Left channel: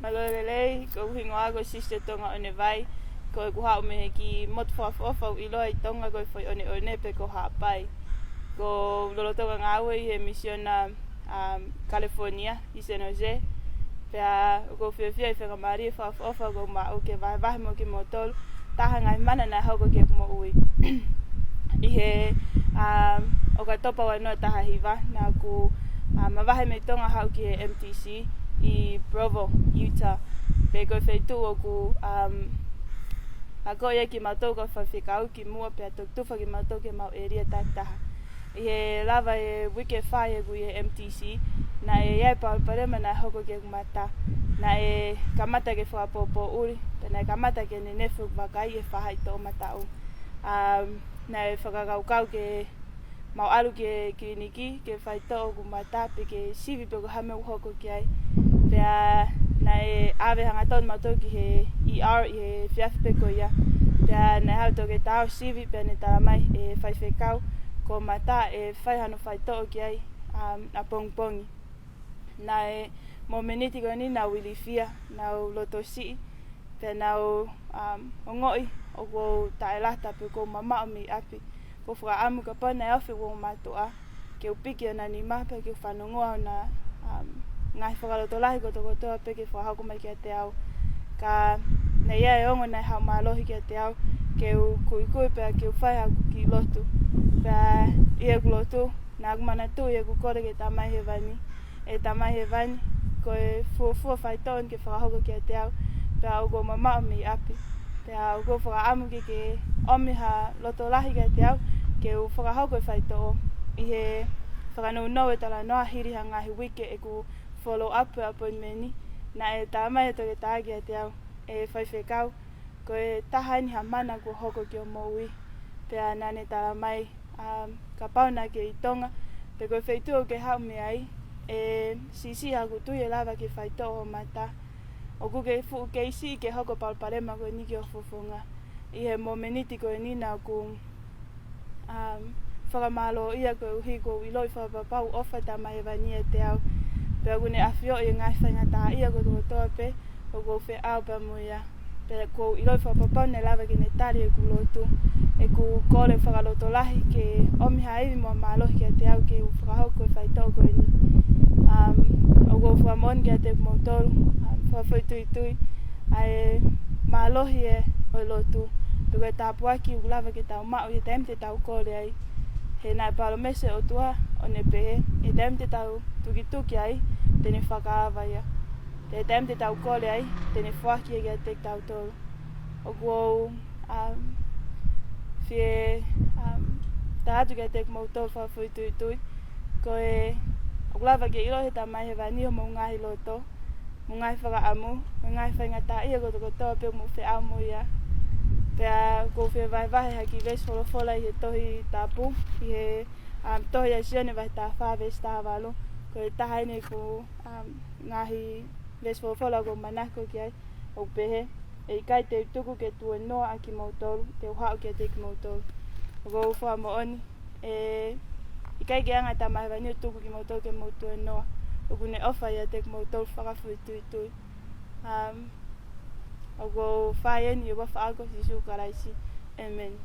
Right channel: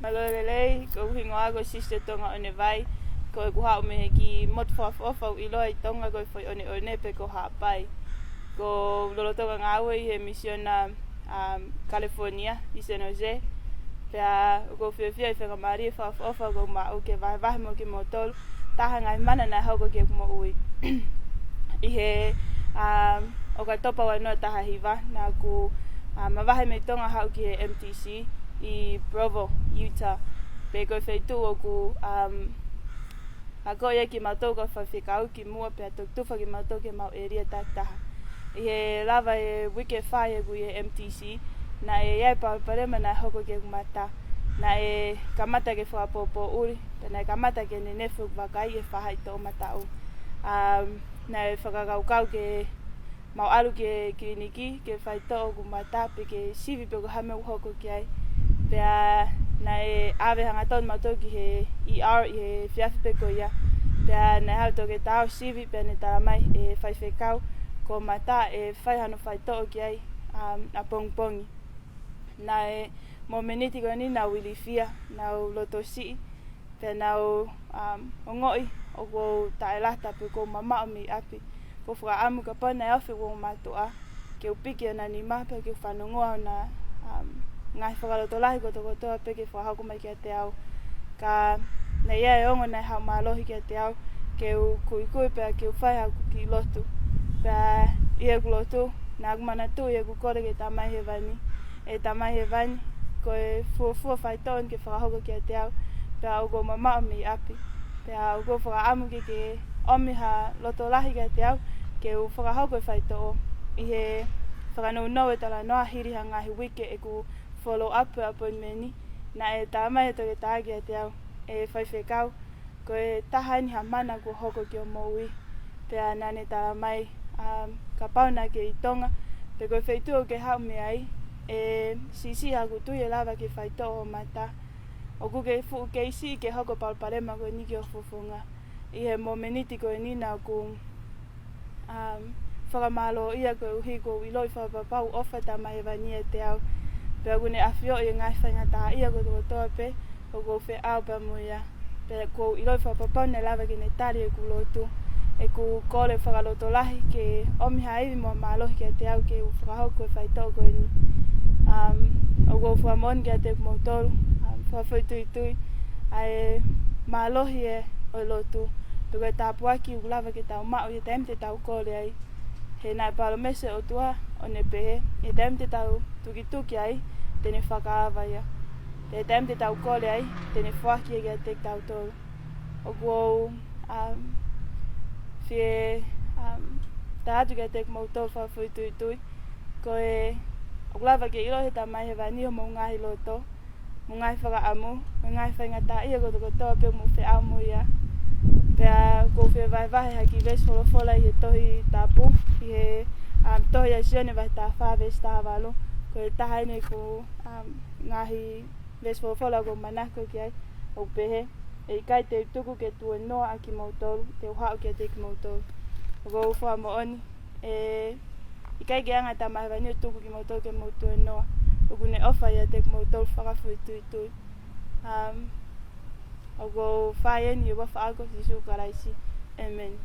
Malolelei, ko hingoa ko sister tonga one vai, ko e kuha me ki motwhawhawhau I loa I tonga ko foi one pe ko hapai. Ko lolotonga ngawe I he misiona California, I San Jose. Pea ko whiawhia I whakamari whawhawhau ko mao ke vahe mo ki motolu, taha ngai mana nai hauko ke kumo ui. I he o ka topa wainoa taha hiva, na ku mawahe me tonga hau ki he MTC, I Provo, Utah. Pe koe whaitu o ku a koe ki mātou ka whawhikau ki mua pe a tufa ki mātou ke mau area tātaha. I he lava e wike whai e ku I he MTC, na e iai pauparema na hoko ke kumata, na e kamata ke whapopo uri, na e kamata ke ne nefu wakai e whahai tō matau. Na e whakakaukau ke mau alu ke kliniki, ke whaito o kumata, pe ke sivi pe ko hame uhoko ki ai. Pea na e awe hangaton mātou ki he ER I he whiawhi ko ia. Pea na hau tō ke tāo sivi pea ne taramai e whaiwhekau ko mata e whaihano whaito ki ai a pongpongi. Na e mo meniti ko ni na wilifia, na o loto si, pea na o ngoi o ko taelata pe ko mama o mi api. Ko whaka amu ka pana e awhi wo mātua, ke upiki o na ni mape ke whanongoa na ngai whakaloto lahi ko toko toa peke whahako mai kia te au. Ka na ia e ongo nei hau mālohi kia te au, ke u kui pea ke u whai haku ki lotu. Pea ia ku lotu, na kumana tu ia ku kore ke tamai he vani. E tamai he vani, ko e fuafua whaitoan ke whakahoko kia te au, pea u ko mama o mi api. Pea u ko whakaamu ke omi ha loto lahi kia te au, ke u whakahoko e whaito o. I he whakanau e tala noa hiri ha ngahi wike e ku follow up appointment na e tāmai e toke tāgia te au e whaiwhekau ko e tahaini ha mana ko hoko ki o moui pea nane tāmai ka pauna ke I tonga pe ko whaitu o ke hau me ai e sisi ha ku tui e lava ke whaito o mata o ku ke fu ke isi ke hoko palparema ko ni ki o fufunga I he momeniti ko ni na ku whakamalo ia ko uhi ko I loi whapapau ofa tāmai e vania te au. Pea kune awhio I ngai whaingata ia ko toko toa pe, ko kou whi au pa muia. Pea kou I loi whapapau ne lava ki ne tari e ku lotu, e ku kore whakaloto lahi ke omi haiwi mua mālohi kia te au ke u whakahau koe whaitau koe ni. O kou whamon kia te kumotoru, whawhoi tui tui, ai mālohi e o lotu, pe koe tāpuaki u lava ke tau mau I taim te tau kore ai. He nai palo mese o tua o ne pehe, e taim te tau tuki ai, tene whakaawa ia. Te taim te tau kore ai, tene whaki e kia te tau tolu. O kuo whie ta atu kia te kumautou whawhoi tui tui, ko e o lawa ke ilo he tamai he vani o mo ngahi loto, mo ngahi whakaamu, mo ngahi whaingata ia ko toko toa pe mo whi au mo ia. Pea ko whi vai haki ves wholofola I he tohi tapu, I he tohi a sione vai tā whaves tā walu, ko e tahaine ko ngahi ves wholofola ko manako ki ai, o pehe, e kai te tuku ke tue noa a ki mautoru, te uhau ki a te ki mautoru. O ko wha mo oni, I kai ke anga tā mahewa ni o tuku ki mautoru ke mautue noa, o kune ofa I a te ki mautoru whakawhui tui tui. O ko whae ni o wafa ako si su karaisi. Amen.